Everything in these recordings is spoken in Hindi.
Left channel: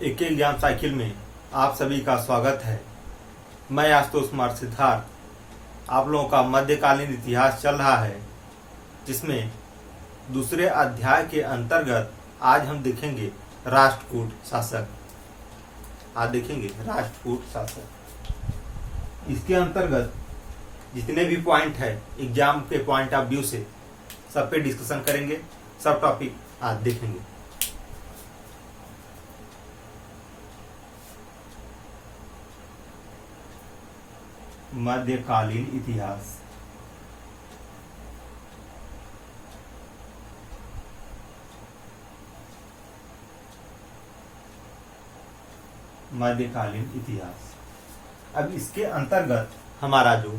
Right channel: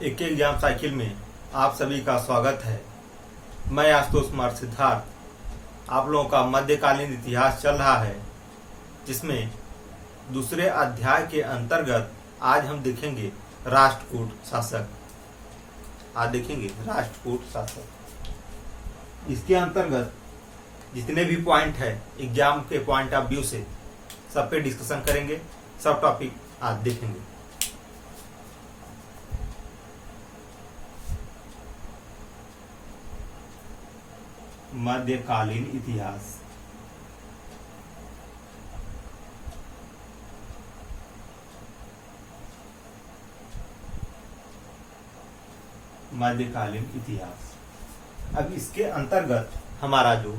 एक एग्जाम साइकिल में आप सभी का स्वागत है। मैं आशुतोष कुमार सिद्धार्थ। आप लोगों का मध्यकालीन इतिहास चल रहा है, जिसमें दूसरे अध्याय के अंतर्गत आज हम देखेंगे राष्ट्रकूट शासक। आज देखेंगे राष्ट्रकूट शासक। इसके अंतर्गत जितने भी पॉइंट है एग्जाम के पॉइंट ऑफ व्यू से सब पे डिस्कशन करेंगे। सब टॉपिक आज देखेंगे। मध्यकालीन इतिहास। मध्यकालीन इतिहास। अब इसके अंतर्गत हमारा जो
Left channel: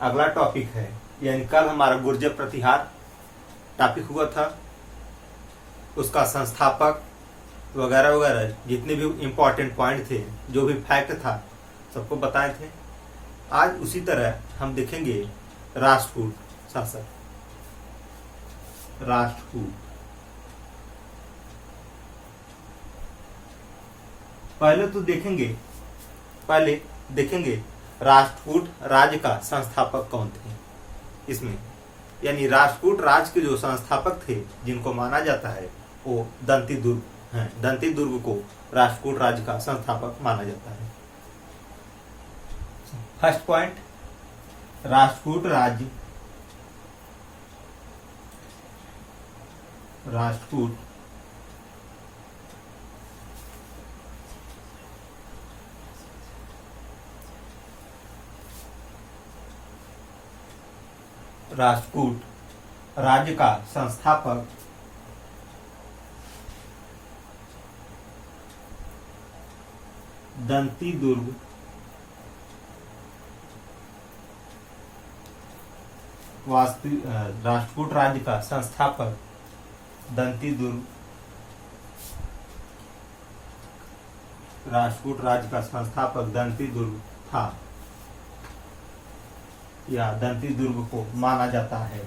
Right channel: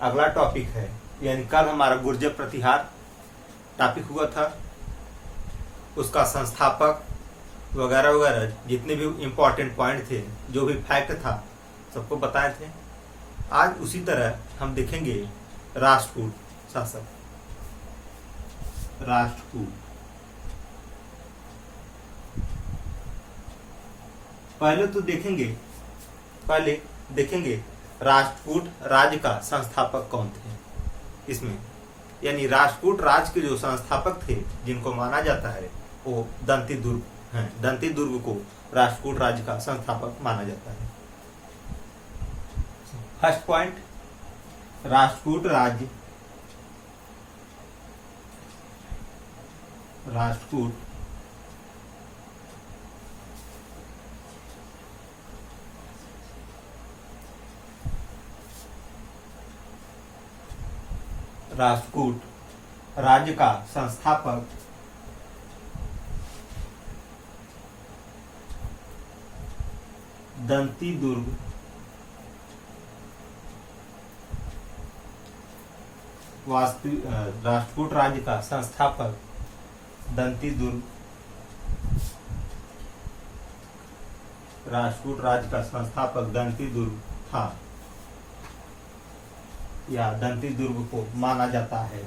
अगला टॉपिक है, यानी कल हमारा गुर्जर प्रतिहार टॉपिक हुआ था, उसका संस्थापक वगैरह वगैरह जितने भी इम्पोर्टेंट पॉइंट थे, जो भी फैक्ट था, सबको बताए थे। आज उसी तरह हम देखेंगे राष्ट्रकूट शासक। राष्ट्रकूट पहले देखेंगे राष्ट्रकूट राज्य का संस्थापक कौन थे इसमें, यानी राष्ट्रकूट राज्य के जो संस्थापक थे जिनको माना जाता है वो दंती दुर्ग हैं। दंती दुर्ग को राष्ट्रकूट राज्य का संस्थापक माना जाता है। फर्स्ट पॉइंट, राष्ट्रकूट राज्य। राष्ट्रकूट राष्ट्रकूट राज्य का संस्थापक दंती दुर्ग राष्ट्रकूट राज्य का संस्थापक दंती दुर्ग। राष्ट्रकूट राज्य का संस्थापक दंती दुर्ग था, या दंती दुर्ग को माना जाता है।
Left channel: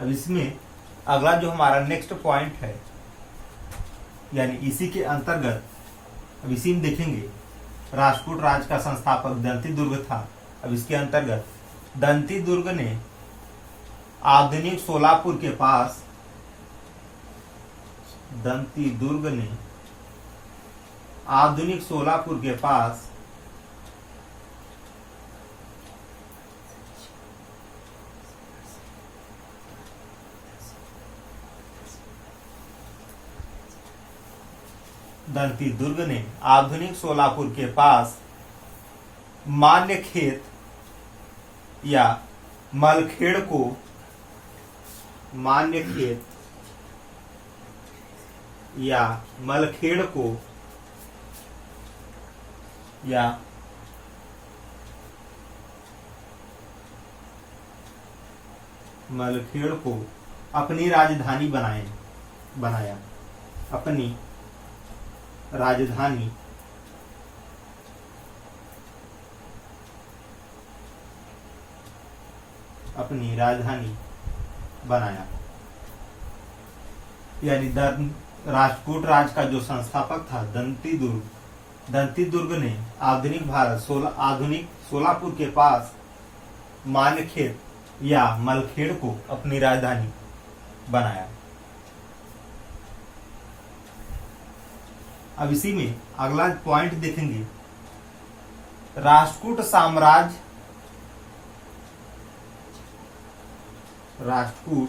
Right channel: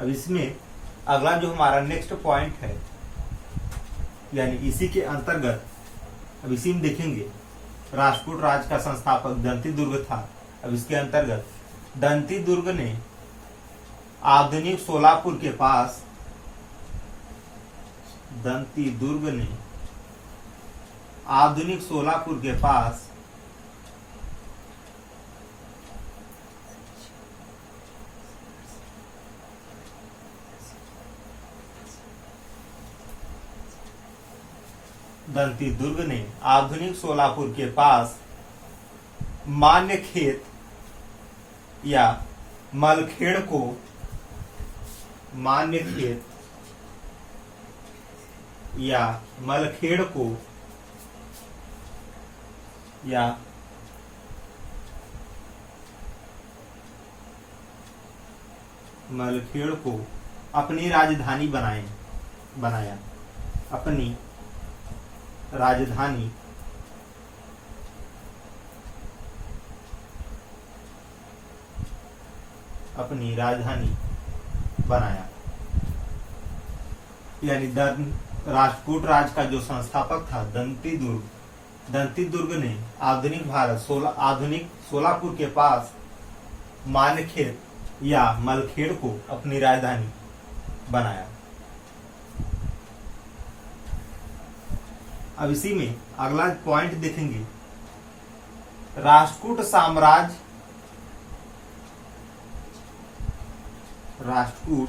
अब इसमें अगला जो हमारा नेक्स्ट पॉइंट है, यानी इसी के अंतर्गत अब इसी में देखेंगे राष्ट्रकूट राज्य का संस्थापक दंती दुर्ग था। अब इसके अंतर्गत दंती दुर्ग ने आधुनिक सोलापुर के पास, दंती दुर्ग ने आधुनिक सोलापुर के पास दंती दुर्ग ने आधुनिक सोलापुर के पास मान्यखेत या मलखेड़ को मान्यखेत या मलखेड़ को या मलखेड़ को अपनी राजधानी बनाया। अपनी राजधानी बनाया, यानी राष्ट्रकूट राज्य का जो संस्थापक था दंती दुर्ग ने आधुनिक भारत आधुनिक सोलापुर के पास मान्यखेत या मलखेड़ को अपनी राजधानी बनाया। अब इसी में अगला पॉइंट देखेंगे राष्ट्रकूट साम्राज्य। राष्ट्रकूट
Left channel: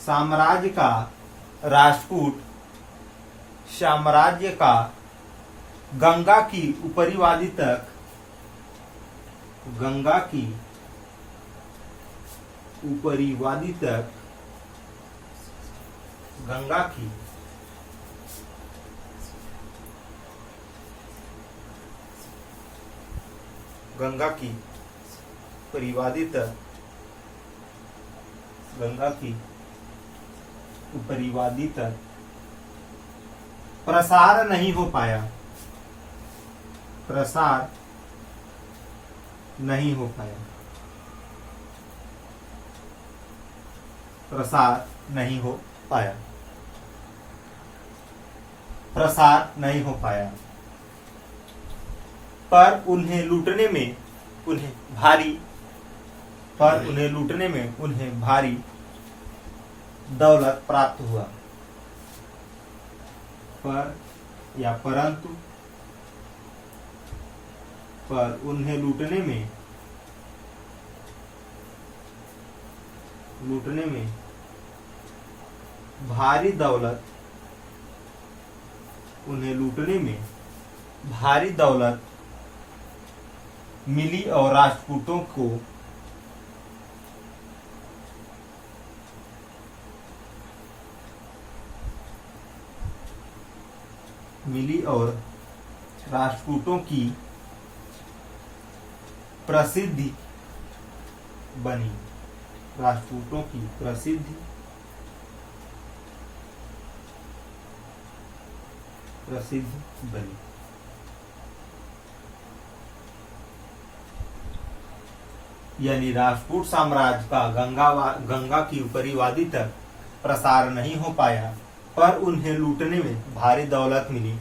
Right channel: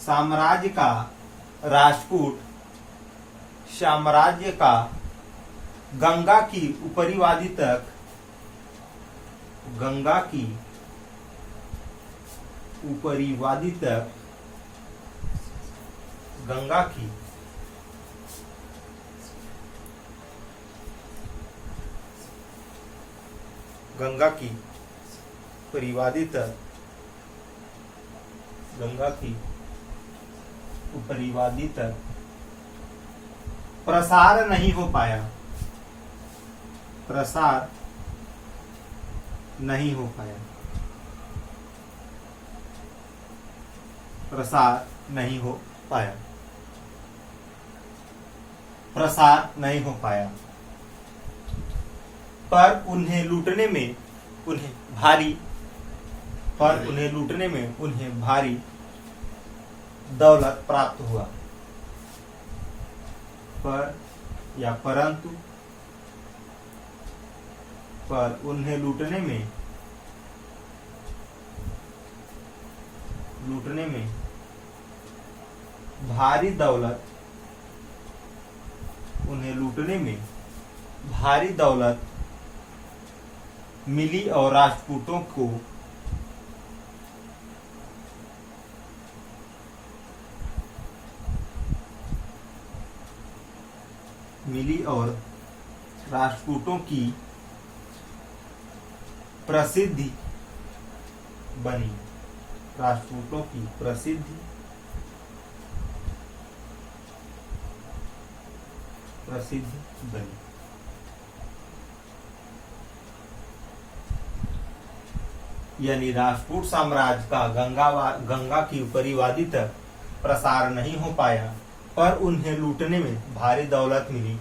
साम्राज्य का राष्ट्रकूट साम्राज्य का गंगा की ऊपरी वादी तक, गंगा की ऊपरी वादी तक, गंगा की परिवादी तक, गंगा की उपरिवादी तक प्रसार नहीं हो पाया। प्रसार नहीं हो पाया। प्रसार नहीं हो पाया। प्रसार नहीं हो पाया, पर उन्हें लूटने में उन्हें भारी दौलत प्राप्त हुआ। पर या परंतु, पर उन्हें लूटने में भारी दौलत मिली और राजपूतों को की प्रसिद्धि बनी। यानी राजपूत साम्राज्य का गंगा की ऊपरी वादी तक प्रसार नहीं हो पाया, पर उन्हें लूटने में भारी दौलत मिली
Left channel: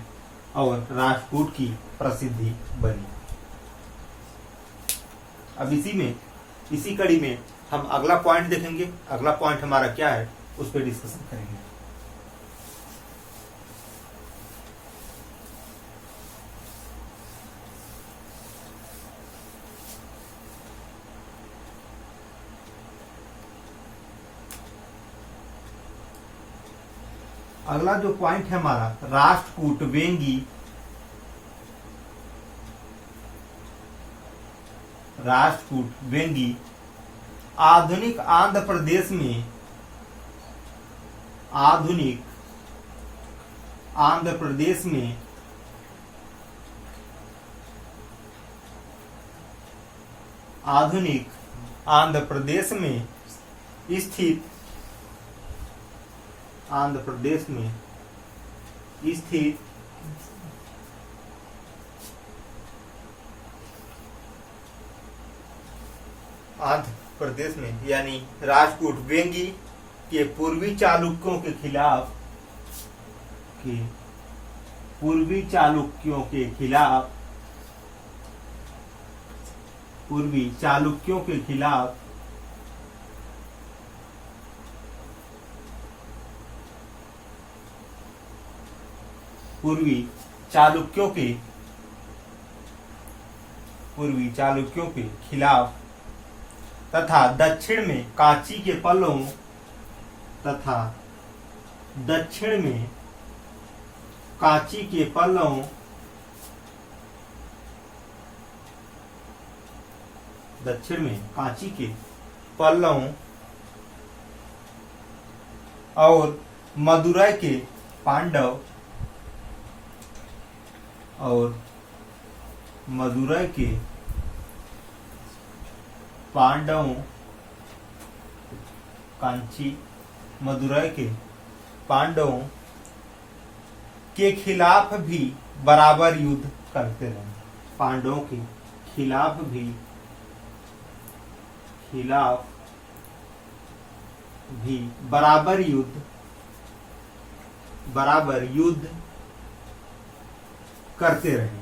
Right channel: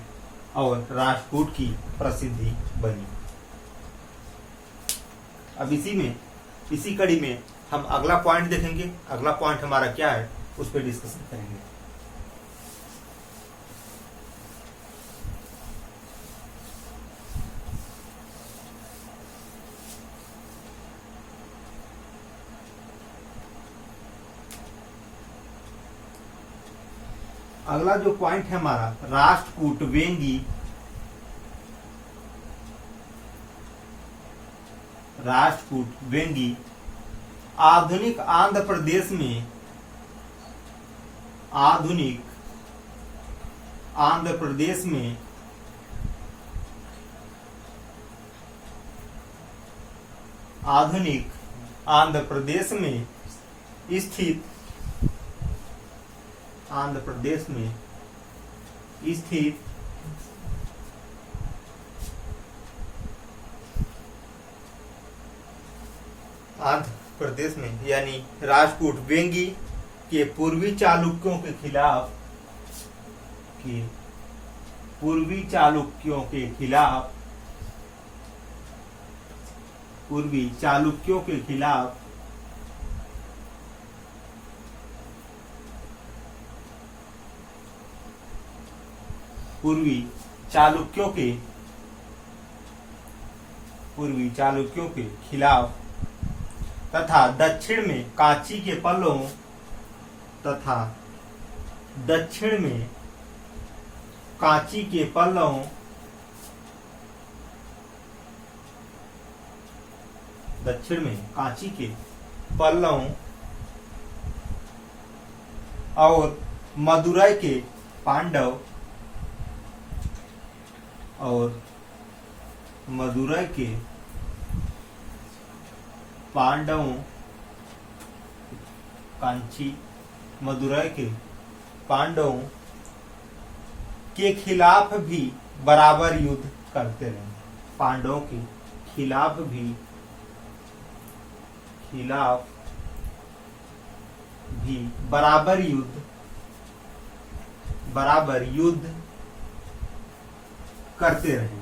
और राजपूत की प्रसिद्धि बनी। अब इसी कड़ी में हम अगला पॉइंट देखेंगे। अगला पॉइंट हमारा क्या है, उस पर डिस्कशन करेंगे। अगला जो पॉइंट है हमारा, राष्ट्रकूट वेंगी आधुनिक आंध्र प्रदेश में स्थित यानी राजपूत वेंगी के पूर्वी चालुक्यों के खिलाफ पूर्वी चालुक्यों के खिलाफ तथा दक्षिण में कांची के पल्लों और मदुरै के पांडवों के खिलाफ भी बराबर युद्ध करते रहे। पांडवों के खिलाफ भी बराबर युद्ध करते रहे।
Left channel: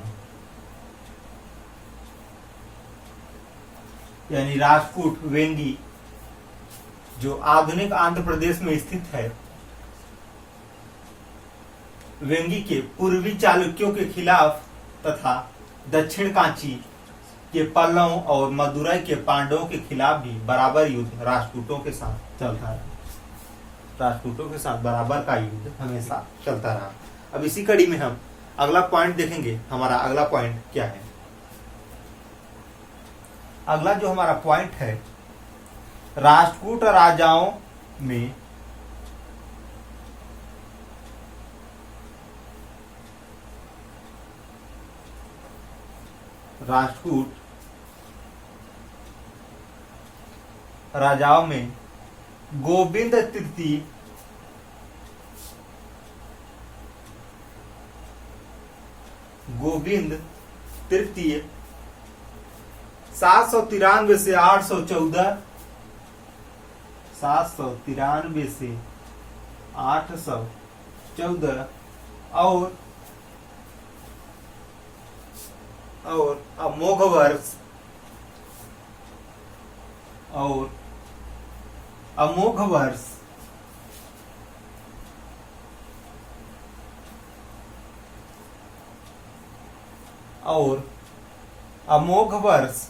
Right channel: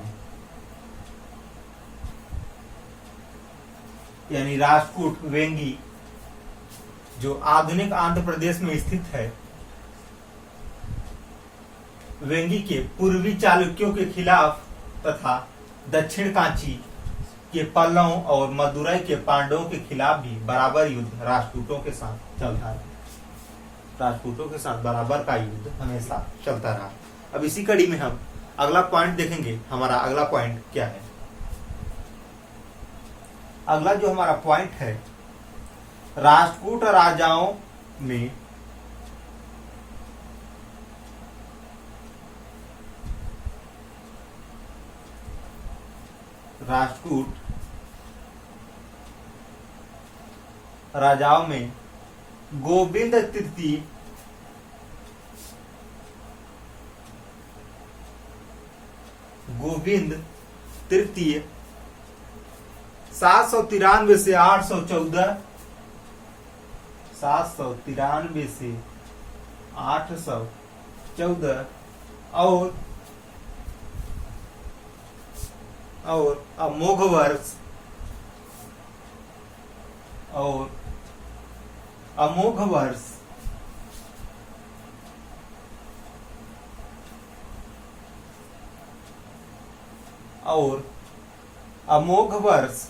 यानी राजपूत वेंगी जो आधुनिक आंध्र प्रदेश में स्थित है, वेंगी के पूर्वी चालुक्यों के खिलाफ तथा दक्षिण कांची के पल्लवों और मदुरै के पांडवों के खिलाफ भी बराबर युद्ध राजपूतों के साथ चलता रहा। राजपूतों के साथ बराबर का युद्ध हमेशा चलता रहा। अब इसी कड़ी में हम अगला पॉइंट देखेंगे। हमारा अगला पॉइंट क्या है? अगला जो हमारा पॉइंट है, राजपूत राजाओं में गोविंद तृतीय 793 से 814 793 से 814 और अमोघ वर्ष और अमोघ वर्ष और अमोघ वर्ष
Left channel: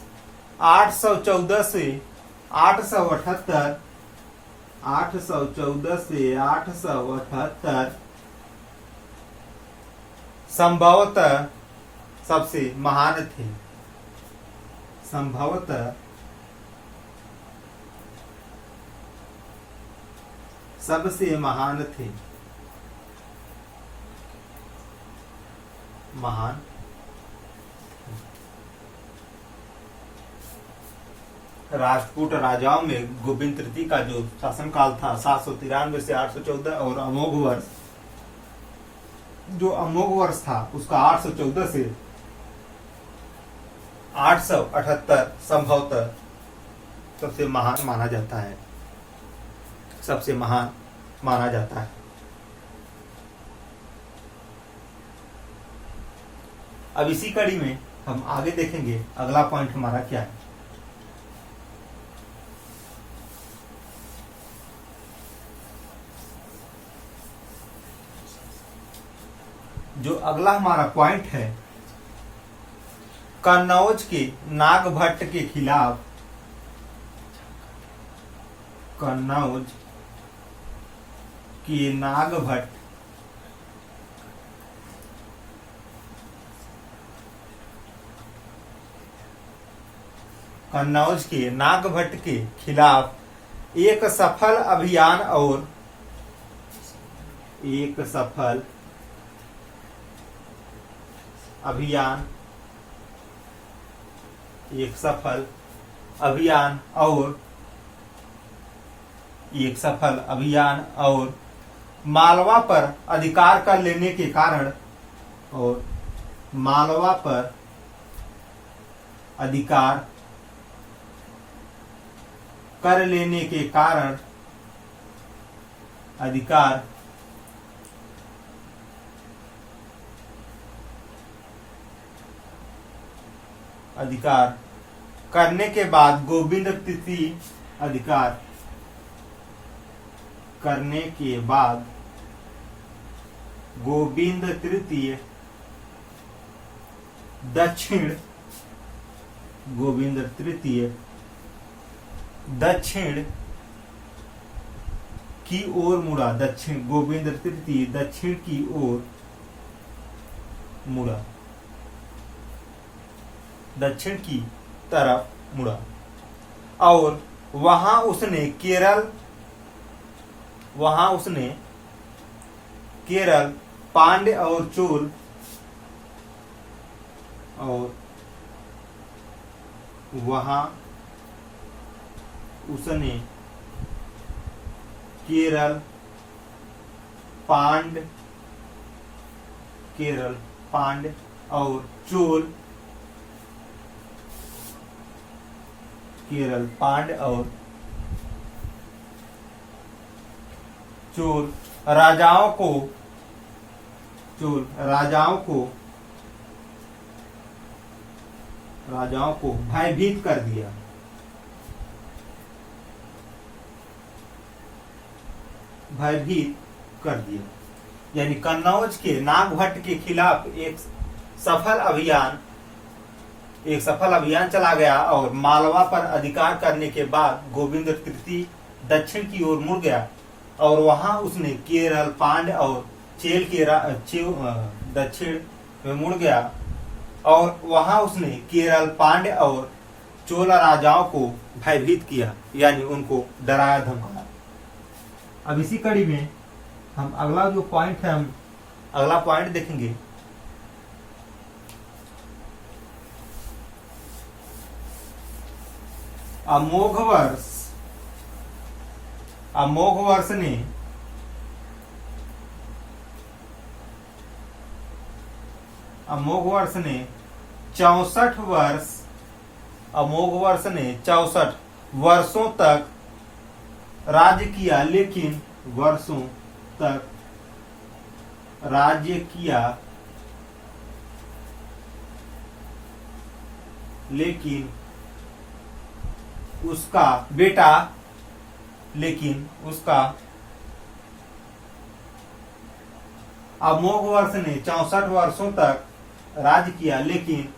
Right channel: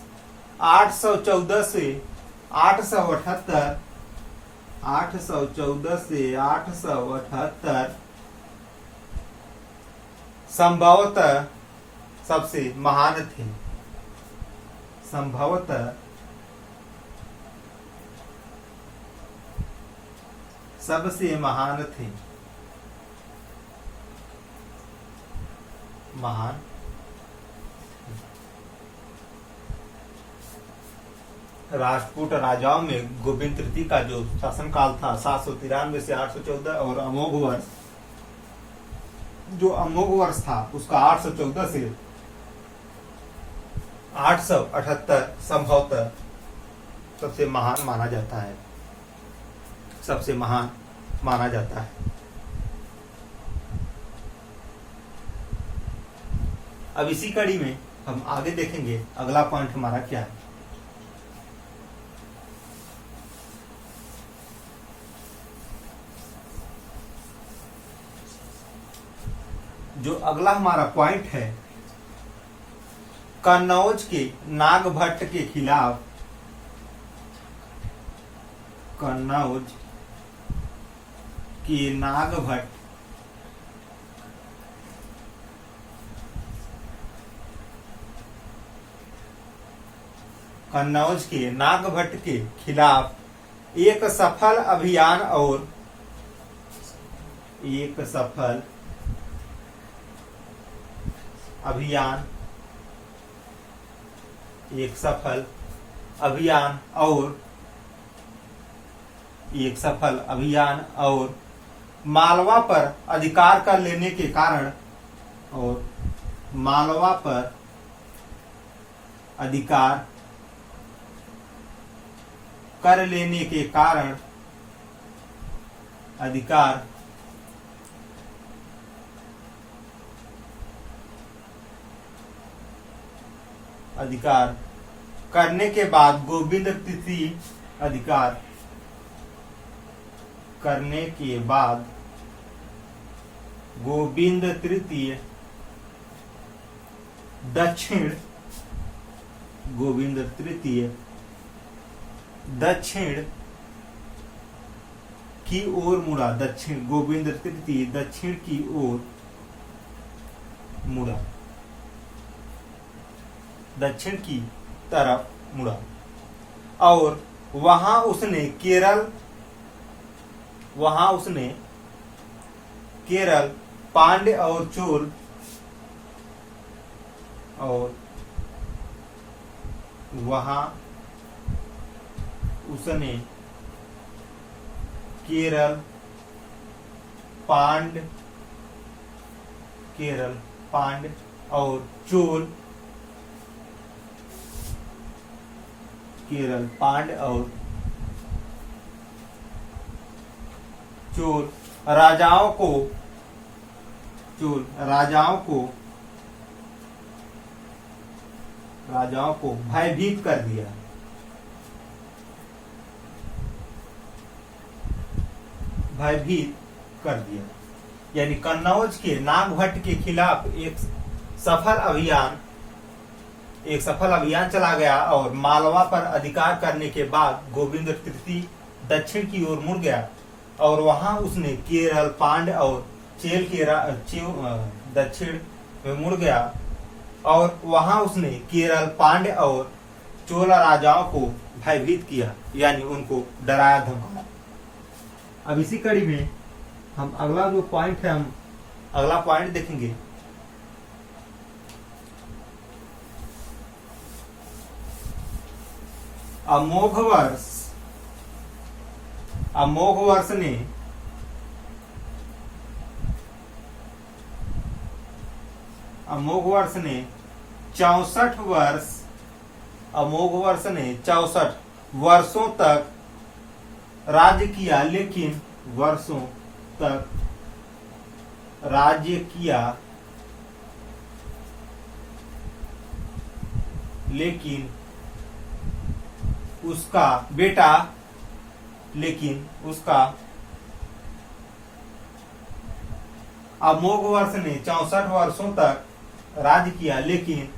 814 से 878 814 से 878 संभवतः सबसे महान थे। संभवतः सबसे महान थे। महान राजपूत राजाओं में गोविंद तृतीय का जो शासनकाल था 793 से 814 और अमोघ वर्ष जो अमोघ वर्ष था उसका 814 से 878 संभवतः सबसे महान माना जाता है। सबसे महान माना जाता है। अब इसी कड़ी में हम आगे देखेंगे अगला पॉइंट हमारा क्या है। जो अगला हमारा पॉइंट है कन्नौज के नागभट्ट के खिलाफ कन्नौज के नागभट्ट कन्नौज के नागभट्ट के खिलाफ एक सफल अभियान और एक सफल अभियान एक सफल अभियान और एक सफल अभियान और मालवा पर अधिकार कर लेने के कारण और मालवा पर अधिकार कर लेने के कारण अधिकार अधिकार करने के बाद गोविंद तृतीय अधिकार करने के बाद गोविंद तृतीय दक्षिण गोविंद तृतीय दक्षिण की ओर मुड़ा। दक्षिण गोविंद तृतीय दक्षिण की ओर मुड़ा। दक्षिण की तरफ मुड़ा और वहां उसने केरल पांड्य और चोल और वहां उसने केरल पांड्य और चोल केरल पांड्य और चोल राजाओं को भयभीत कर दिया। भयभीत कर दिया यानी कन्नौज के नागभट्ट के खिलाफ एक सफल अभियान चला गया और मालवा पर अधिकार करने के बाद गोविंद तृतीय दक्षिण की ओर मुड़ गया और वहां उसने केरल पांड्य और चेल के दक्षिण में मुड़ गया और वहां उसने केरल पांड्य और चोला राजाओं को भयभीत किया यानी उनको डराया धमकाया। अब इसी कड़ी में हम अगला जो पॉइंट है हम अगला पॉइंट देखेंगे। अमोघ वर्ष ने अमोघ वर्ष ने 64 वर्षों तक राज्य किया लेकिन वर्षों तक राज्य किया, लेकिन उसका बेटा, अमोघ वर्ष ने 64 वर्षों तक राज्य किया, लेकिन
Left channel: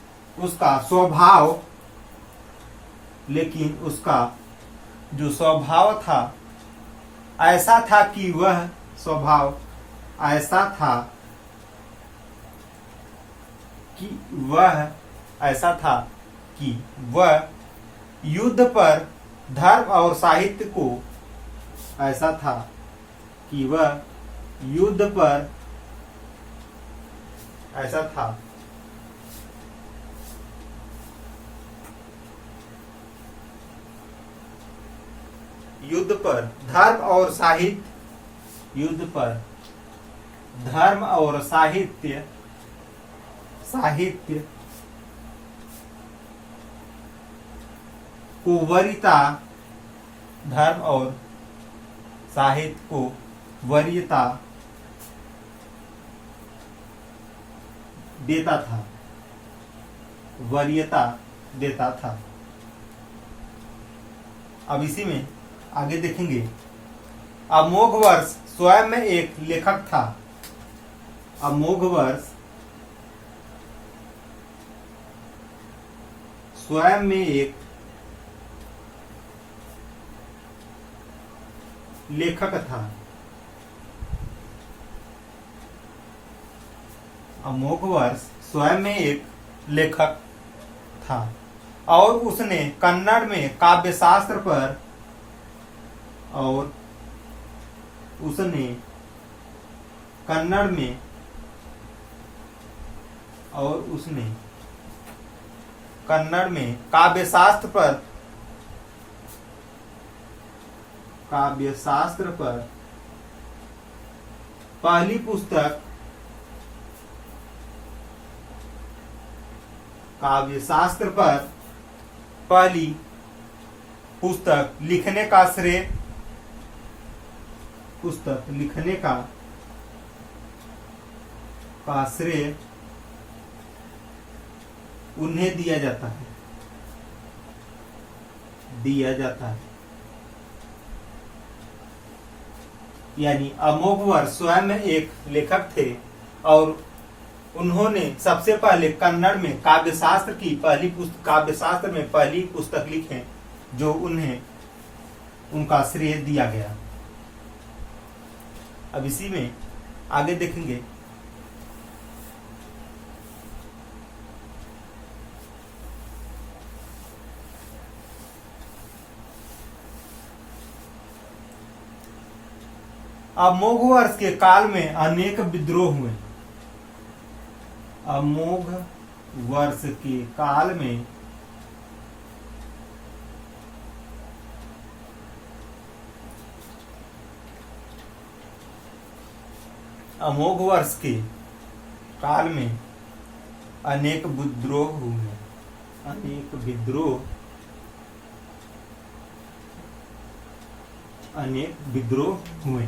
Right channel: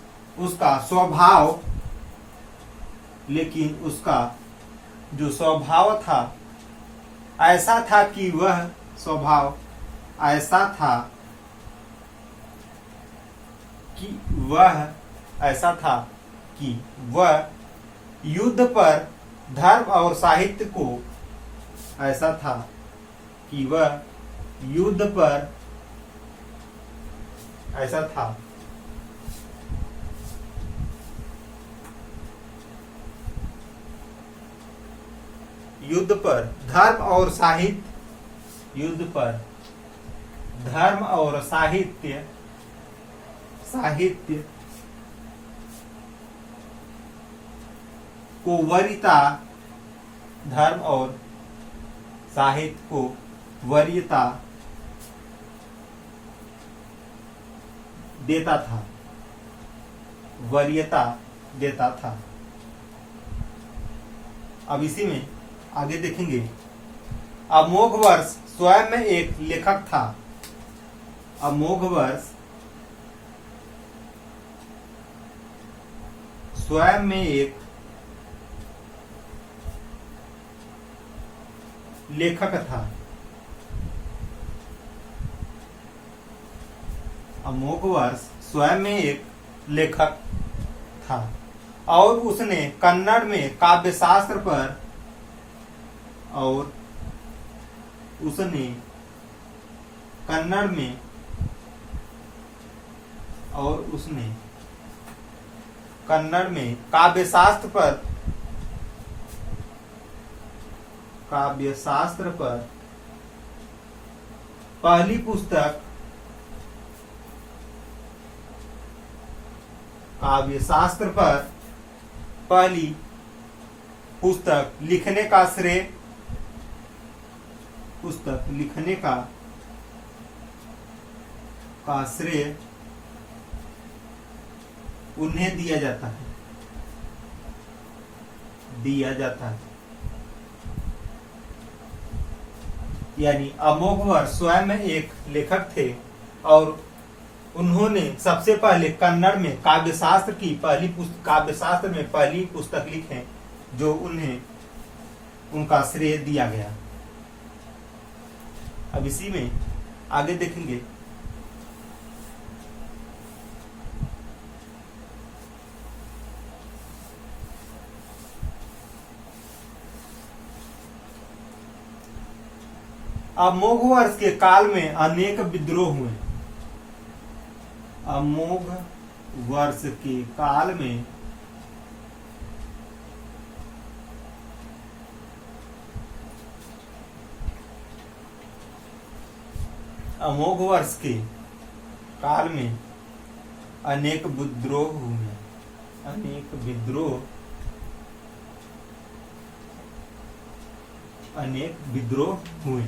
उसका जो स्वभाव था ऐसा था कि वह युद्ध पर धर्म और साहित्य को साहित्य को वरीयता देता था। अब इसी में आगे देखेंगे, अमोघ वर्ष स्वयं में एक लेखक था। अमोघ वर्ष स्वयं में एक लेखक था। अमोघ वर्ष स्वयं में एक लेखक था और उसने कन्नड़ में काव्यशास्त्र पर काव्यशास्त्र पर पहली पुस्तक लिखने का श्रेय उन्हें दिया जाता है। यानी अमोघ वर्ष स्वयं में एक लेखक थे और उन्होंने सबसे पहले कन्नड़ में काव्यशास्त्र में पहली पुस्तक लिखे, जो उनका श्रेय दिया गया। अब इसी में आगे देखेंगे, अमोघ वर्ष के काल में अनेक विद्रोह हुए। अमोघ वर्ष के काल में अनेक विद्रोह हुए।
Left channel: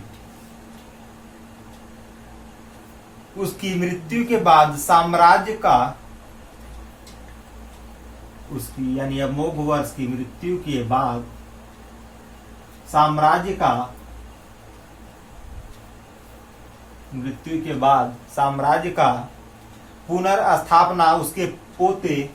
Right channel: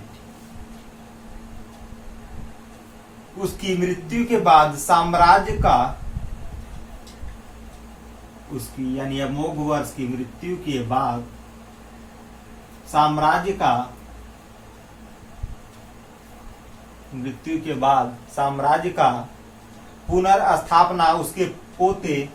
उसकी मृत्यु के बाद यानी अमोघ वर्ष की मृत्यु के बाद साम्राज्य का पुनर्स्थापना उसके पोते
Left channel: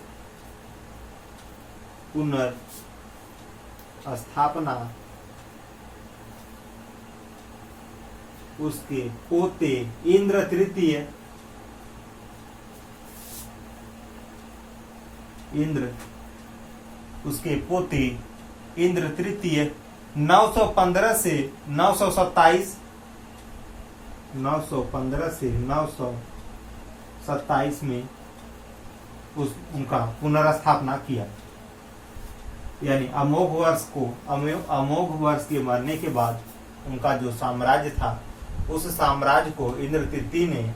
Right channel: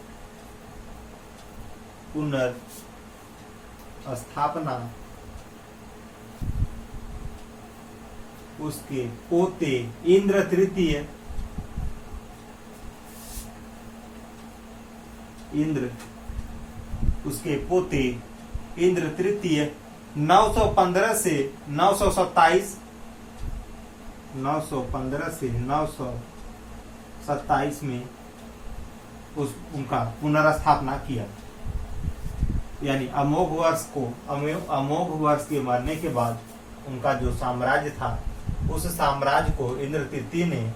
इंद्र तृतीय 915 से 927 में उनका पुनर्स्थापना किया। यानी अमोघ वर्ष के मरने के बाद उनका जो साम्राज्य था, उस साम्राज्य को इंद्र तृतीय ने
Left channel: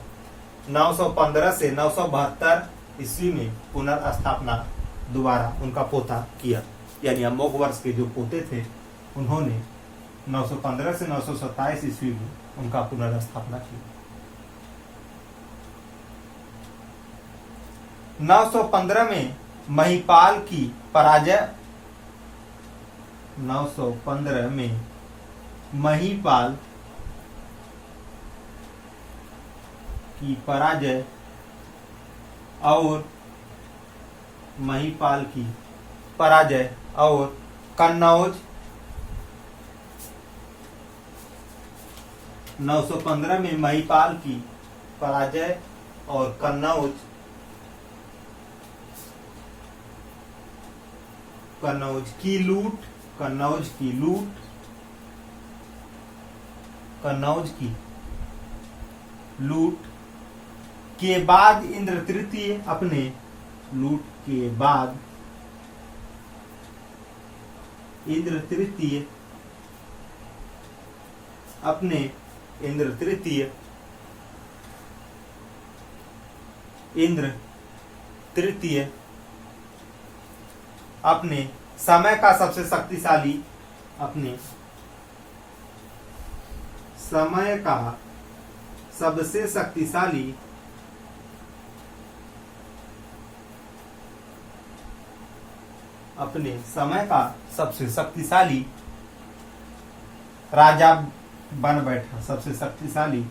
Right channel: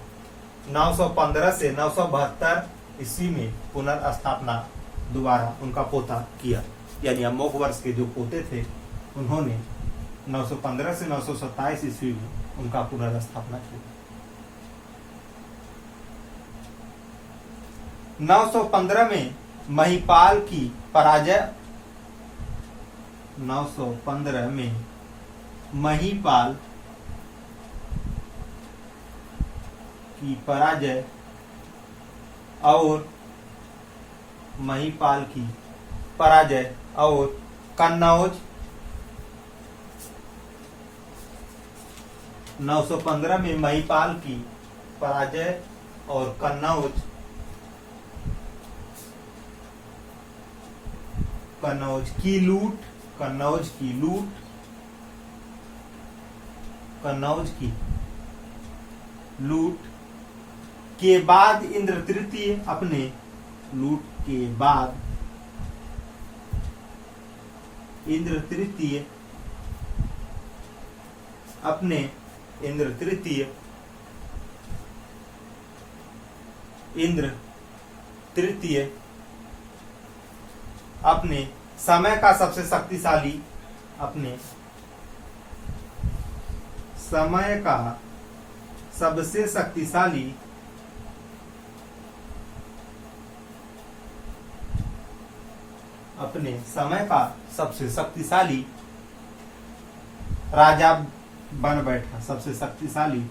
915 से 972 ईस्वी में पुनर्स्थापना दोबारा उनका पोता किया। यानी अमोघ वर्ष के जो पोते थे, उन्होंने 915 से 927 ईस्वी में उनका पुनर्स्थापना की। 915 में महिपाल की पराजय 915 में महिपाल की पराजय और महिपाल की पराजय और कन्नौज 915 में महिपाल की पराजय और कन्नौज की लूट के बाद इंद्र तृतीय अपने लूट के बाद इंद्र तृतीय अपने समय का सबसे शक्तिशाली राजा बन बैठा सबसे शक्तिशाली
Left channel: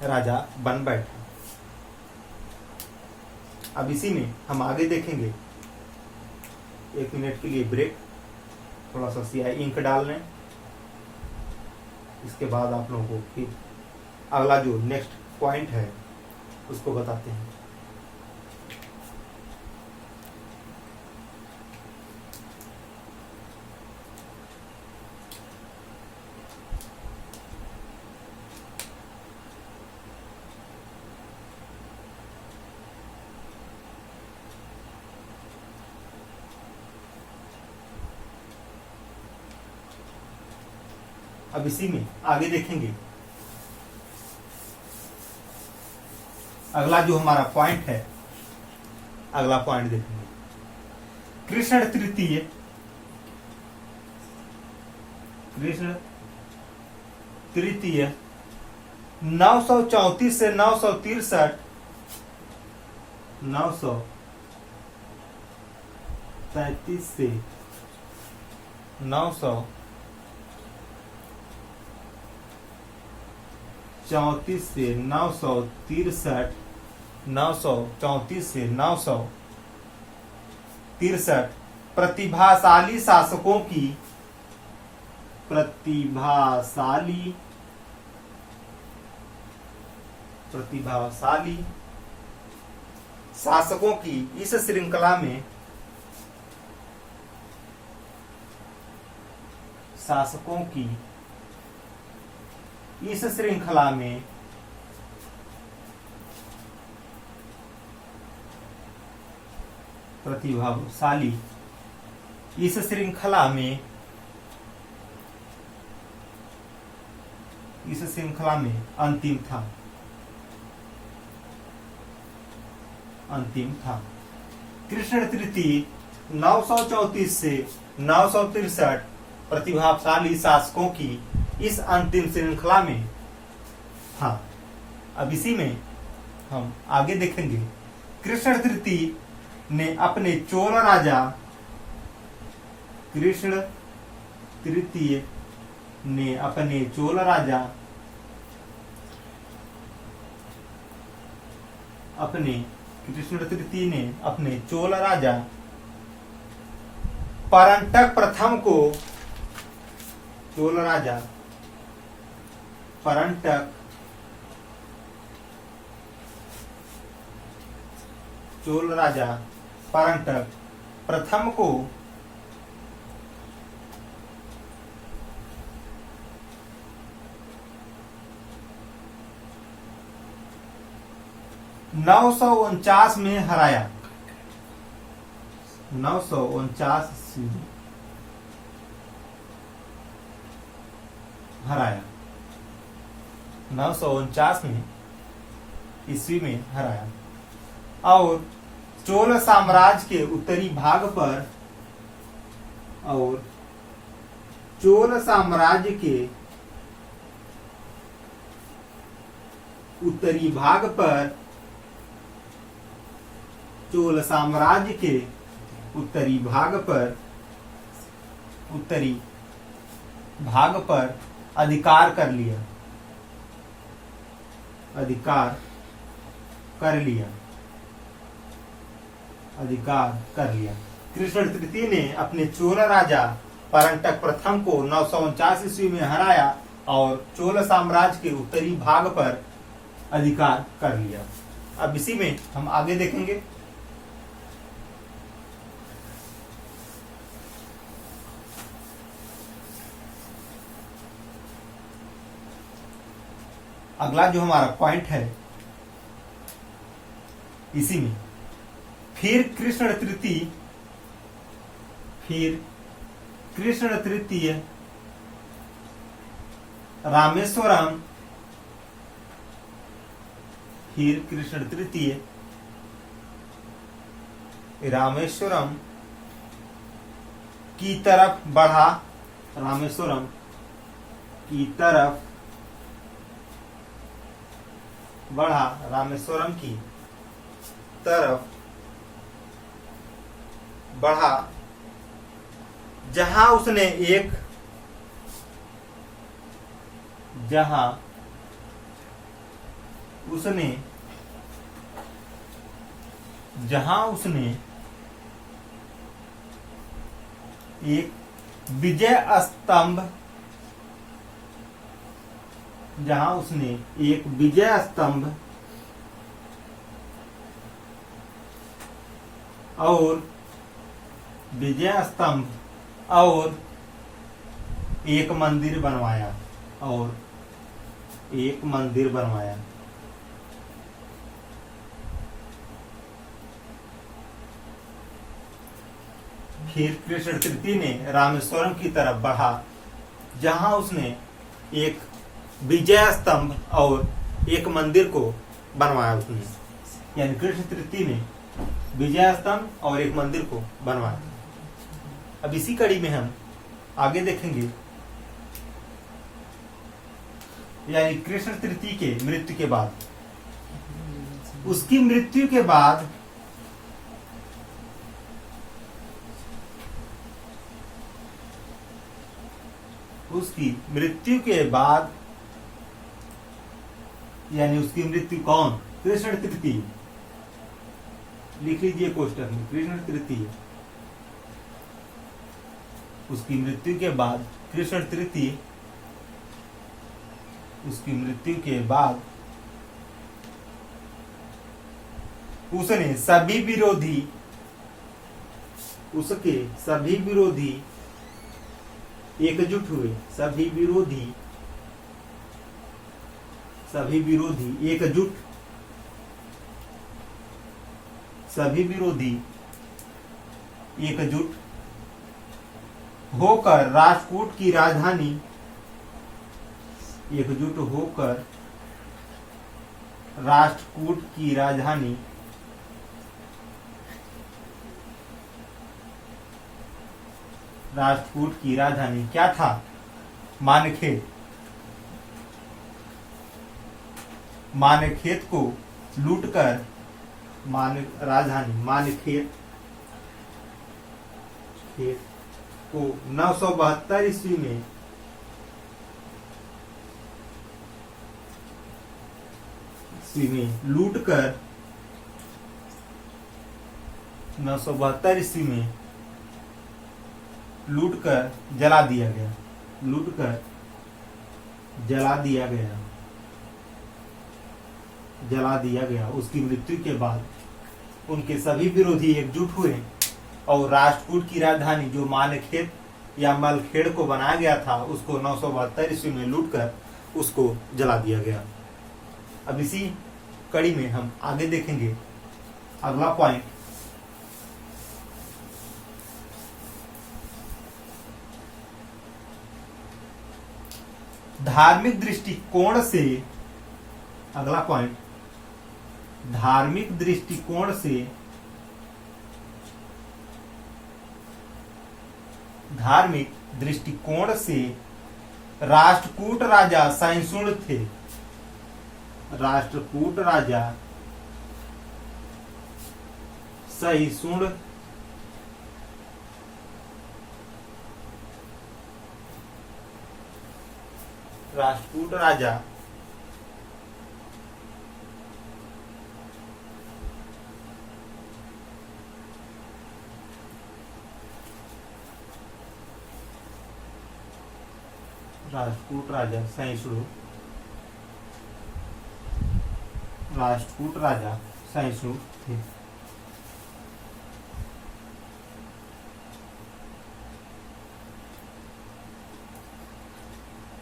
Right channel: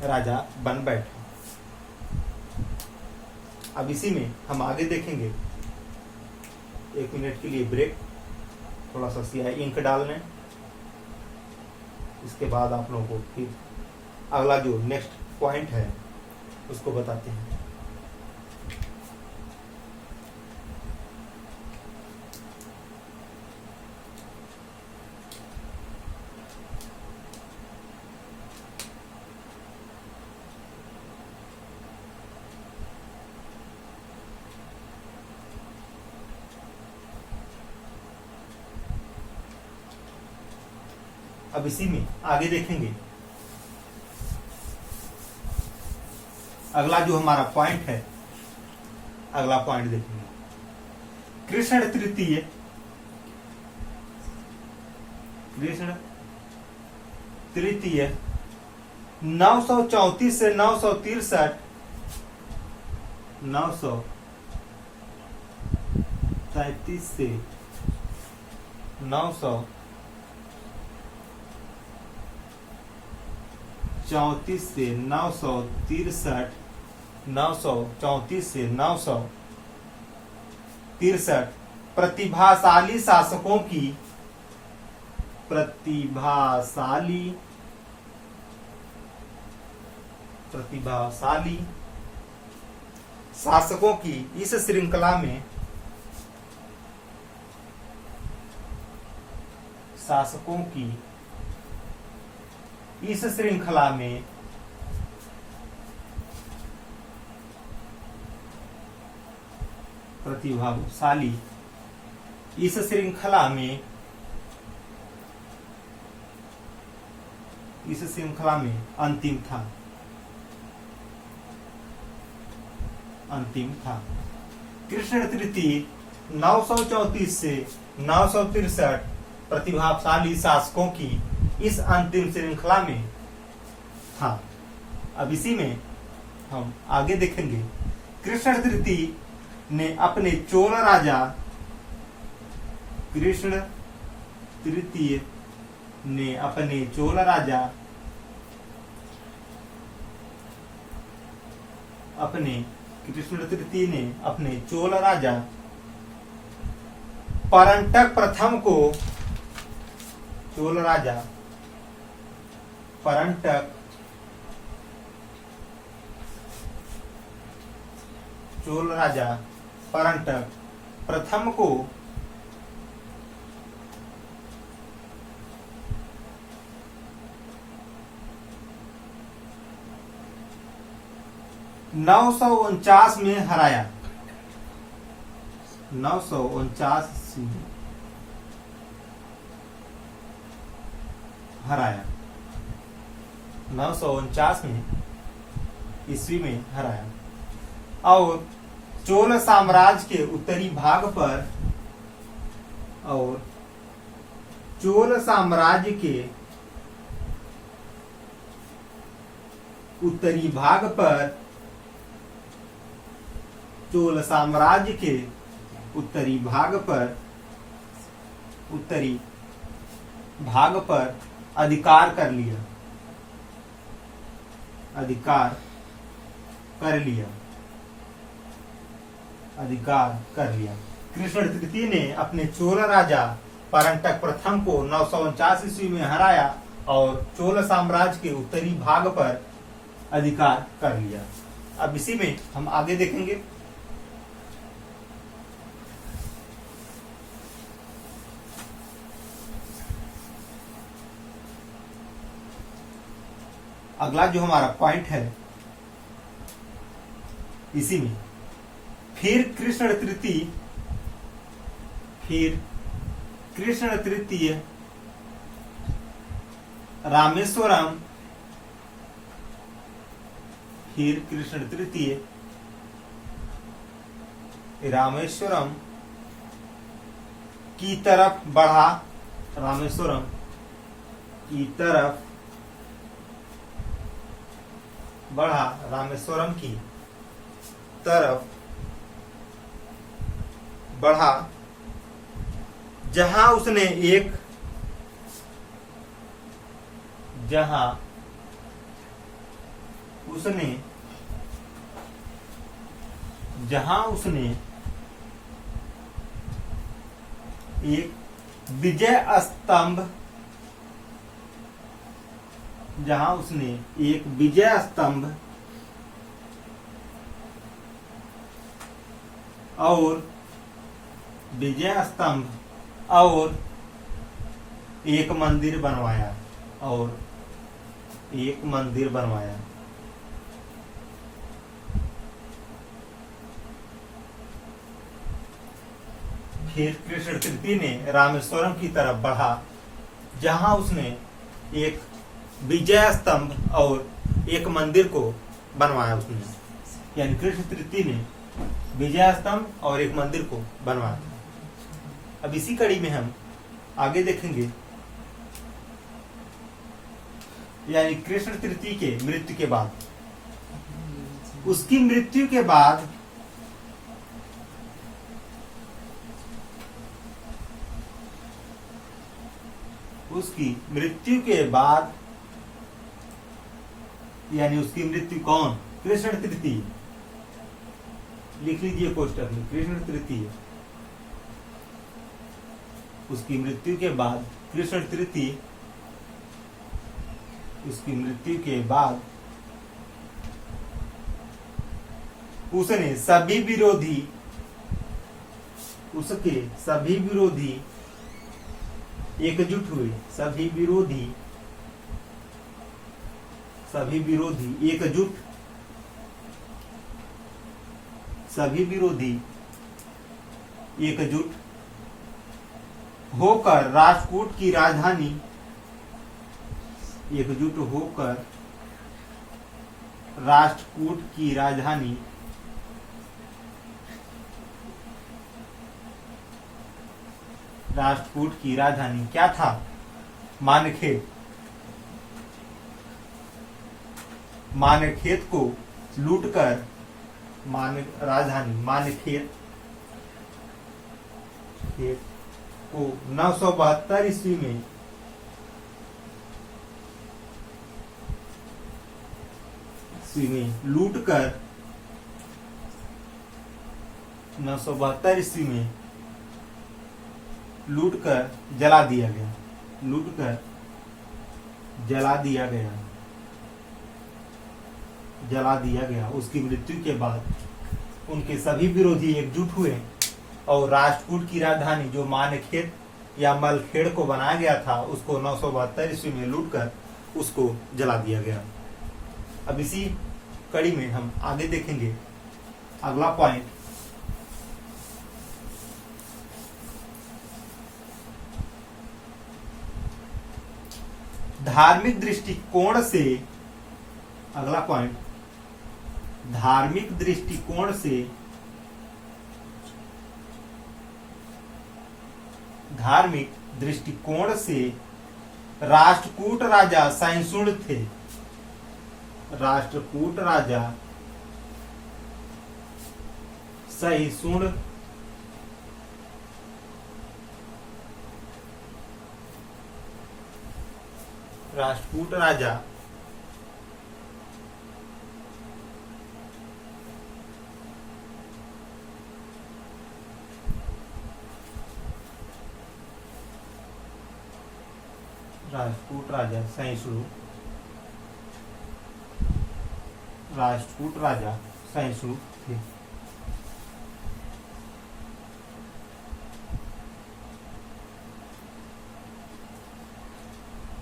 राजा बन बैठा। अब इसी में हम आगे देखेंगे। 1 मिनट के लिए ब्रेक, थोड़ा सा स्याही इंक डाल लें। इसके बाद आप लोगों को फिर अगला जो नेक्स्ट पॉइंट है उसको बताते हैं। अब इसी में आगे देखेंगे। अगला जो हमारा पॉइंट है, अगला पॉइंट देखेंगे। कृष्ण तृतीय 934 से 963 933 से 934 से 963 934 से 963 प्रतिभाशाली शासकों की इस श्रृंखला में प्रतिभाशाली इस श्रृंखला में अंतिम था। कृष्ण तृतीय 934 से 963 प्रतिभाशाली शासकों की इस अंतिम श्रृंखला में था। अब इसी में हम आगे देखेंगे। कृष्ण तृतीय ने अपने चोल राजा परंटक प्रथम को चोल राजा परंटक प्रथम को 949 में हराया। 949 में हराया। 949 में ईस्वी में हराया और चोल साम्राज्य के उत्तरी भाग पर उत्तरी भाग पर चोल साम्राज्य के उत्तरी भाग पर अधिकार कर लिया। कृष्ण तृतीय ने अपने चोल राजा परंटक प्रथम को 949 ईस्वी में हराया और चोल साम्राज्य के उत्तरी भाग पर अधिकार कर लिया। अब इसी में हम आगे देखेंगे। अगला जो हमारा पॉइंट है इसी में, फिर कृष्ण तृतीय रामेश्वरम की तरफ बढ़ा। रामेश्वरम की तरफ बढ़ा जहां उसने एक विजय स्तंभ और एक मंदिर बनवाया। फिर कृष्ण तृतीय ने रामेश्वरम की तरफ बढ़ा जहां उसने एक विजय स्तंभ और एक मंदिर को बनवाया। यानी कृष्ण तृतीय ने विजय स्तंभ और एक मंदिर को बनवाया। अब इसी कड़ी में हम आगे देखेंगे। यानी कृष्ण तृतीय के मृत्यु के बाद, उसकी मृत्यु के बाद यानी उसकी मृत्यु कौन? कृष्ण तृतीय। लिख लीजिए कोष्टक में, कृष्ण तृतीय। उसकी मृत्यु के बाद उसके सभी विरोधी एकजुट हुए। सभी विरोधी एकजुट होकर राष्ट्रकूट की राजधानी क्या था? मानखेत को लूटकर राजधानी मानखेत को 972 ईस्वी में लूटकर 972 ईस्वी में लूटकर जला दिया गया। उसकी मृत्यु के बाद उनके सभी विरोधी एकजुट हुए और राष्ट्रकूट की राजधानी जो मानखेत या मलखेड़ को बनाया गया था उसको 972 ईस्वी में लूटकर उसको जला दिया गया। अब इसी कड़ी में हम आगे देखेंगे अगला पॉइंट। धार्मिक दृष्टिकोण से राष्ट्रकूट राजा सहिष्णु थे। राष्ट्रकूट राजा सहिष्णु राष्ट्रकूट राजा राष्ट्रकूट राजा सहिष्णु राष्ट्रकूट राजा सहिष्णु थे।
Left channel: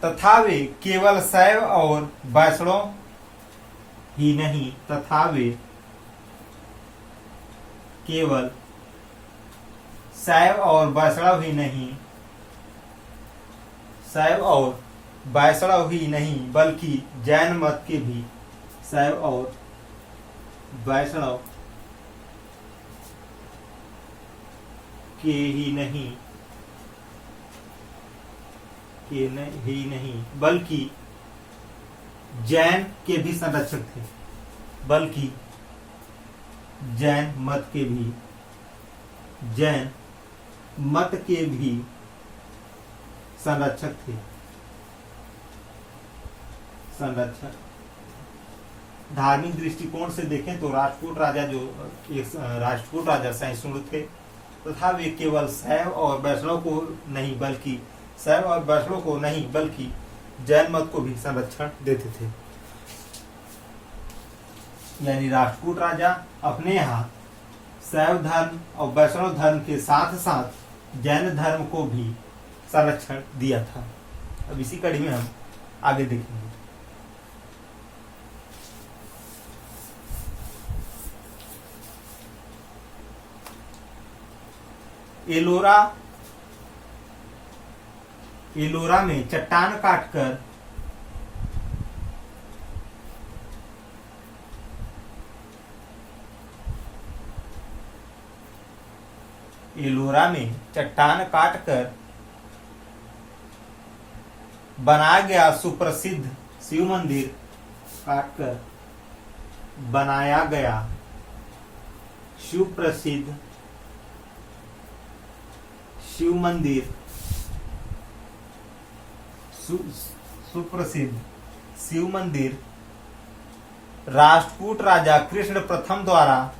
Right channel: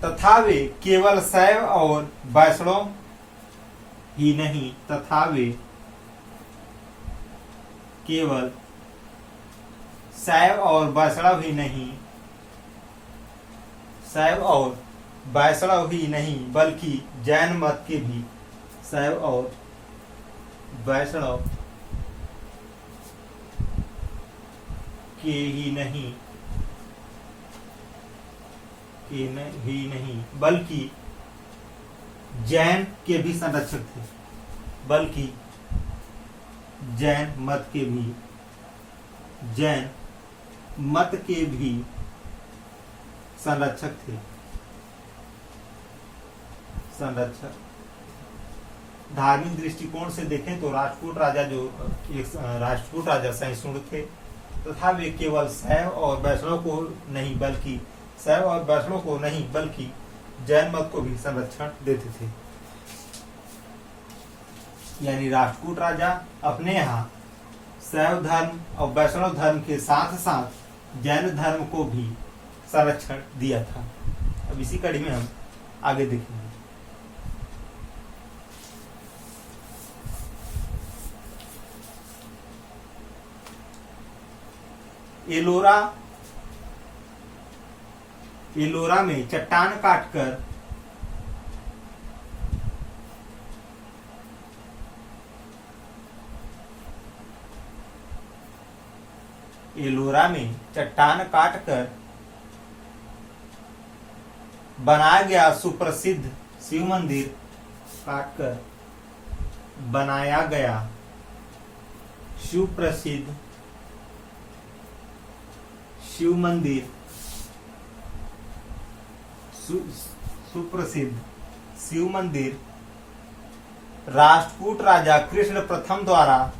तथा वे केवल शैव और वैष्णव ही नहीं तथा वे केवल शैव और वैष्णव ही नहीं शैव और वैष्णव ही नहीं बल्कि जैन मत के भी शैव और वैष्णव के ही नहीं बल्कि जैन के भी संरक्षक थे बल्कि जैन मत के भी संरक्षक थे। धार्मिक दृष्टिकोण से देखें तो राष्ट्रकूट राजा सहिष्णु थे तथा वे केवल शैव और वैष्णव को नहीं बल्कि जैन मत को भी संरक्षण देते थे। यानी राष्ट्रकूट राजा अपने यहाँ शैव धर्म और वैष्णव धर्म के साथ साथ जैन धर्म को भी संरक्षण दिया था। अब इसी कड़ी में हम आगे देखेंगे। एलोरा में चट्टान काटकर बनाया गया सुप्रसिद्ध शिव मंदिर सुप्रसिद्ध शिव मंदिर राष्ट्रकूट राजा कृष्ण प्रथम द्वारा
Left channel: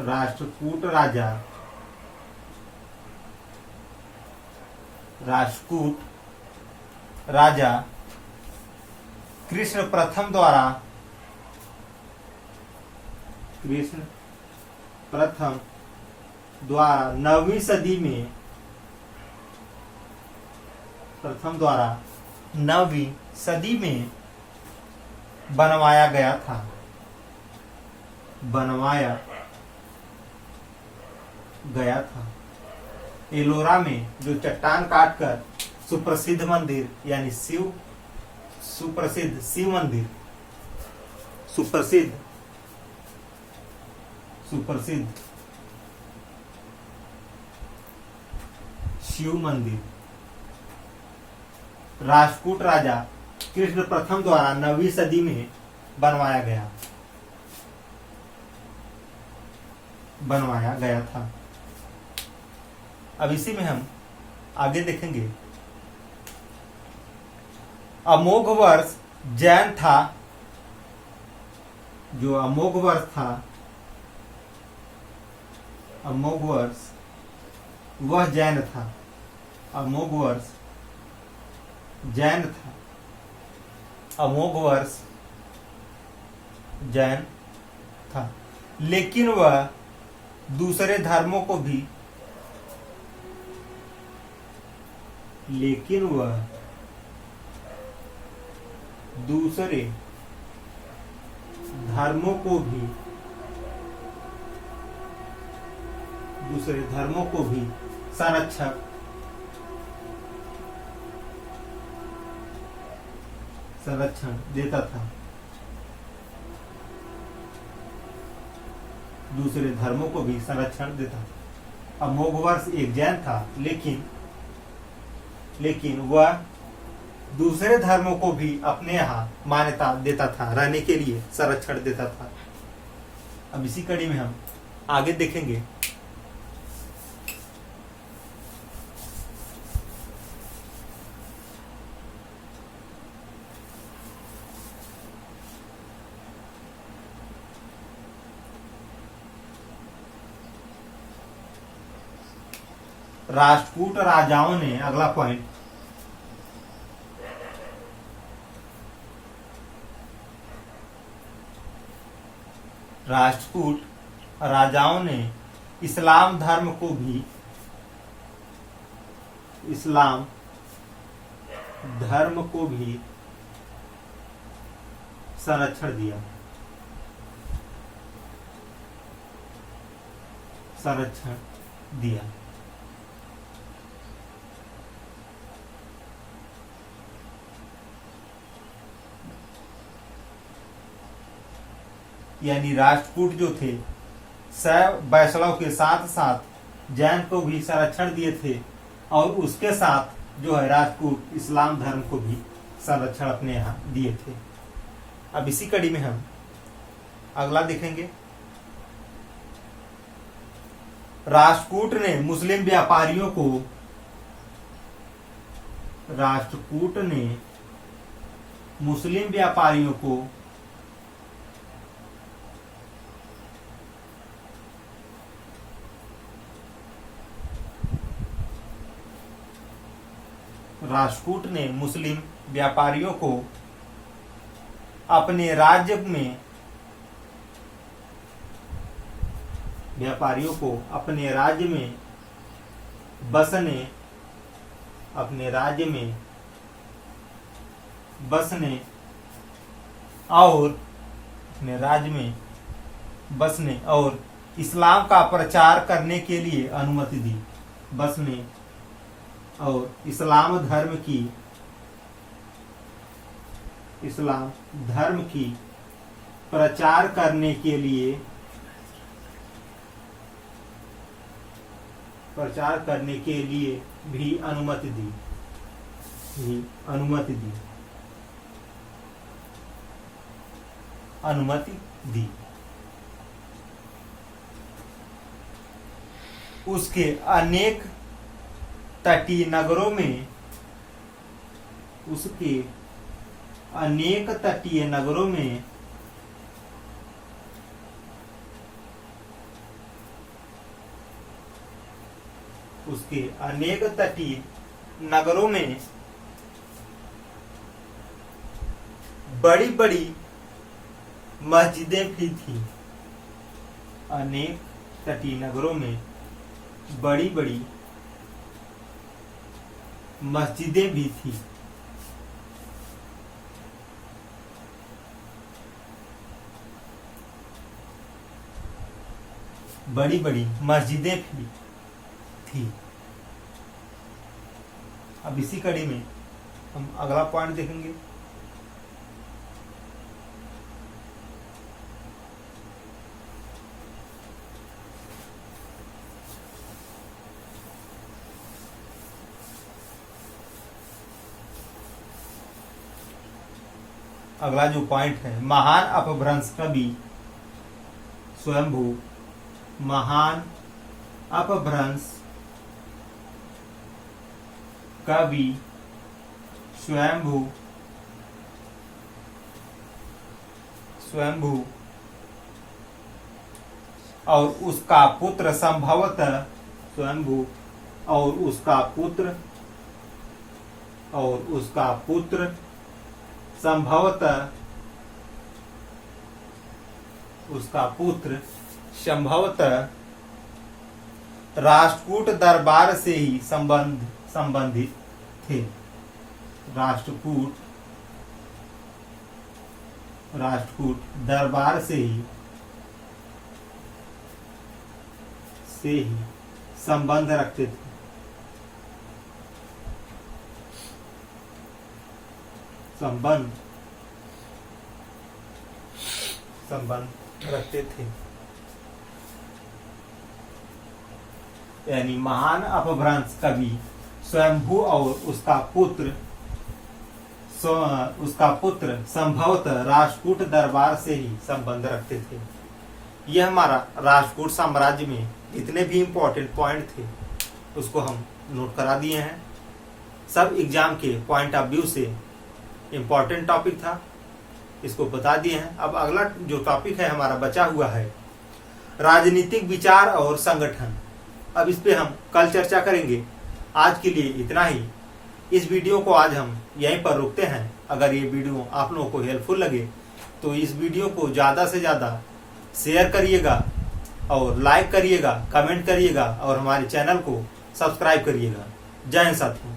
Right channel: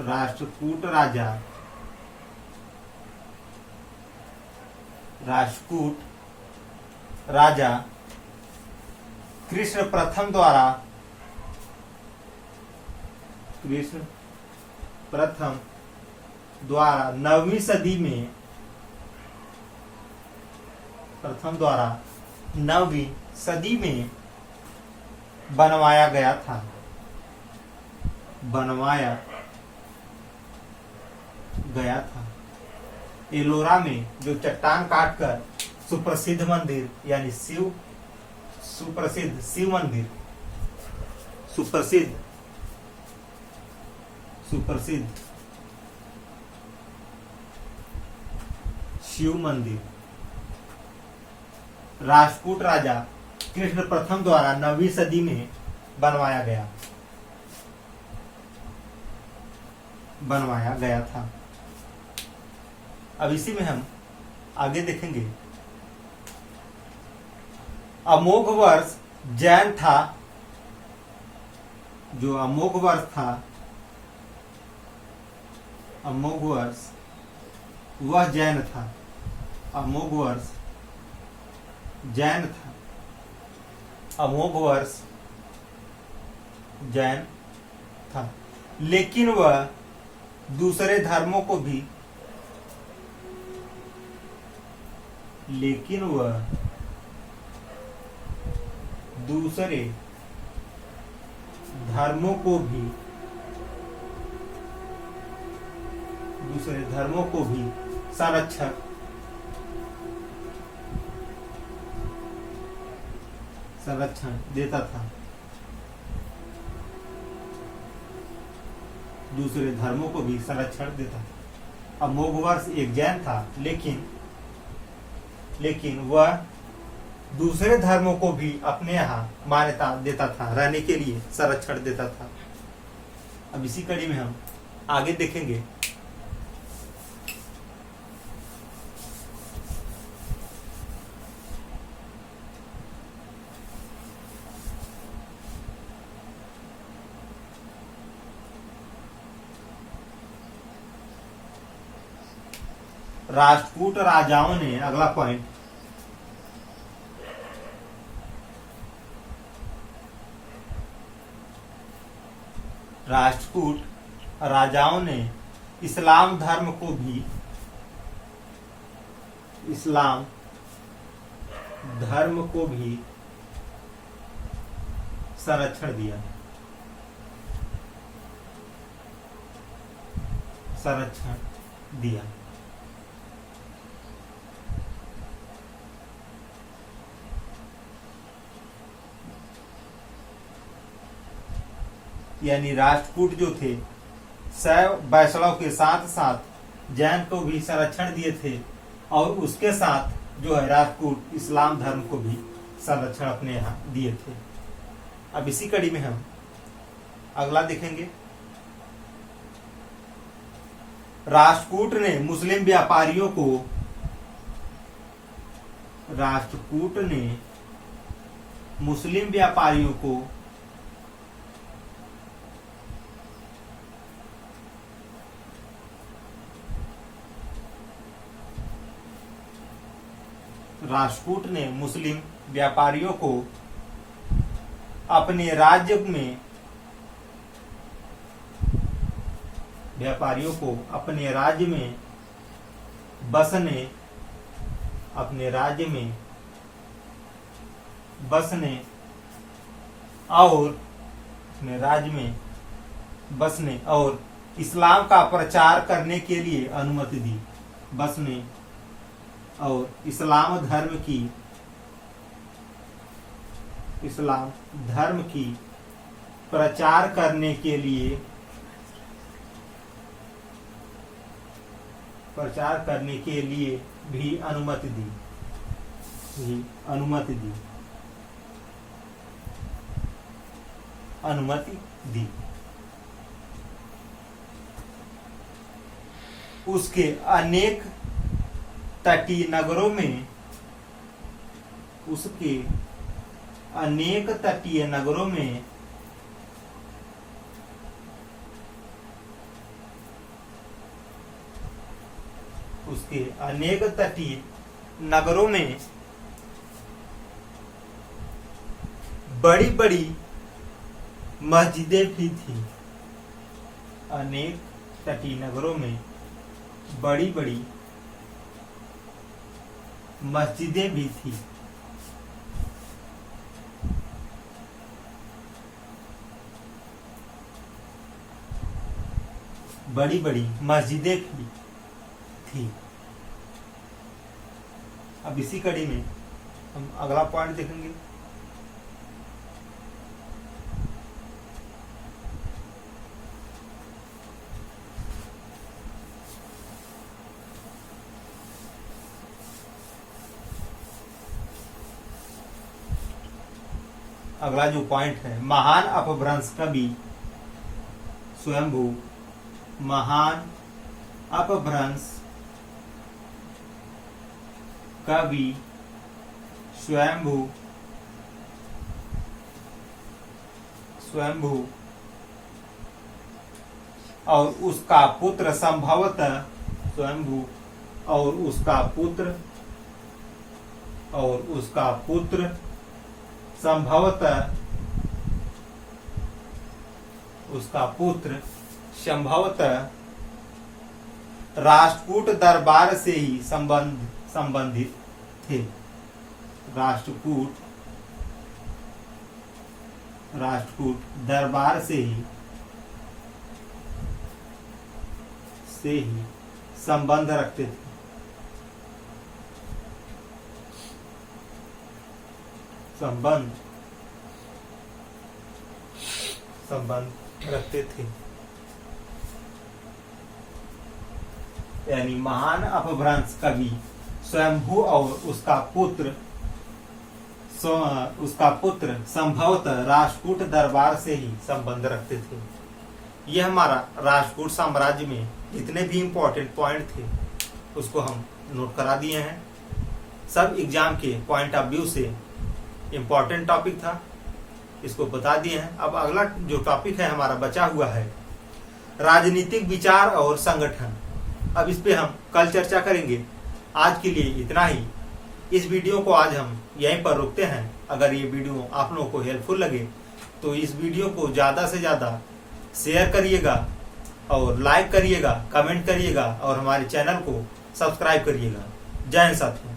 राष्ट्रकूट राजा कृष्ण प्रथम द्वारा 9वीं सदी में बनवाया गया था। एलोरा में जो चट्टान काटकर सुप्रसिद्ध मंदिर यानी सुप्रसिद्ध शिव मंदिर राष्ट्रकूट राजा कृष्ण प्रथम द्वारा 9वीं सदी में बनवाया गया था। अब इसी में हम आगे देखेंगे। अमोघ वर्ष जैन था। जो अमोघ वर्ष था वह जैन था। अमोघ वर्ष जैन था लेकिन वह दूसरे धर्मों को भी संरक्षण देता था। दूसरे धर्मों को भी संरक्षण देता था। अमोघ वर्ष एक जैन था लेकिन लेकिन वह दूसरे धर्मों को भी अपने यहाँ मान्यता देता था, रहने के लिए संरक्षण देता था। अब इसी कड़ी में हम आगे देखेंगे। राष्ट्रकूट राजाओं ने, अगला पॉइंट, राष्ट्रकूट राजाओं ने इस्लाम धर्म को भी, इस्लाम धर्म को भी संरक्षण दिया, संरक्षण दिया। यानी राष्ट्रकूट जो थे शैव वैष्णव के साथ साथ जैन को भी संरक्षण दिए थे, और उसके साथ जो है राष्ट्रकूट इस्लाम धर्म को भी संरक्षण अपने यहाँ दिए थे। अब इसी कड़ी में हम अगला देखेंगे। राष्ट्रकूट ने मुस्लिम व्यापारियों को, राष्ट्रकूट ने मुस्लिम व्यापारियों को राष्ट्रकूट ने मुस्लिम व्यापारियों को अपने राज्य में, व्यापारियों को अपने राज्य में बसने, अपने राज्य में बसने और अपने राज्य में बसने और इस्लाम का प्रचार करने के लिए अनुमति दी। बसने और इस्लाम धर्म की, इस्लाम धर्म की प्रचार करने के लिए, प्रचार करने के लिए भी अनुमति दी, भी अनुमति दी, अनुमति दी। उसके अनेक तटीय नगरों में, उसके अनेक तटीय नगरों में उसके अनेक तटीय नगरों में बड़ी बड़ी मस्जिदें भी थी। अनेक तटीय नगरों में बड़ी बड़ी मस्जिदें भी थी। बड़ी बड़ी मस्जिदें भी थी। अब इसी कड़ी में हम अगला पॉइंट देखेंगे। अगला जो पॉइंट है, महान अपभ्रंश कवि स्वयंभू, महान अपभ्रंश कवि स्वयंभू, स्वयंभू और उसका पुत्र संभवतः, स्वयंभू और उसका पुत्र, और उसका पुत्र संभवतः, उसका पुत्र संभवतः राष्ट्रकूट दरबार से ही संबंधित थे। राष्ट्रकूट दरबार से ही संबंध रखते थे। संबंध रखते थे। यानी महान अपभ्रंश कवि स्वयंभू और उसका पुत्र संभवतः राष्ट्रकूट दरबार से ही संबंध रखते थे। यह हमारा राष्ट्रकूट साम्राज्य में जितने भी इंपॉर्टेंट पॉइंट थे उसको हम नोट करा दिए हैं। सब एग्जाम के पॉइंट ऑफ व्यू से इंपॉर्टेंट टॉपिक था, इसको बता दिए हैं। अब अगला जो टॉपिक है हमारा बचा हुआ है राजनीतिक विचार और संगठन। अब इस पे हम कल चर्चा करेंगे। आज के लिए इतना ही। इस वीडियो को आज हम यहीं पर रोकते हैं। अगर ये वीडियो आप लोगों को हेल्पफुल लगे तो इस वीडियो को ज्यादा से ज्यादा शेयर करिएगा और लाइक करिएगा, कमेंट करिएगा और हमारे चैनल को सब्सक्राइब करिएगा। जय हिंद साथियों।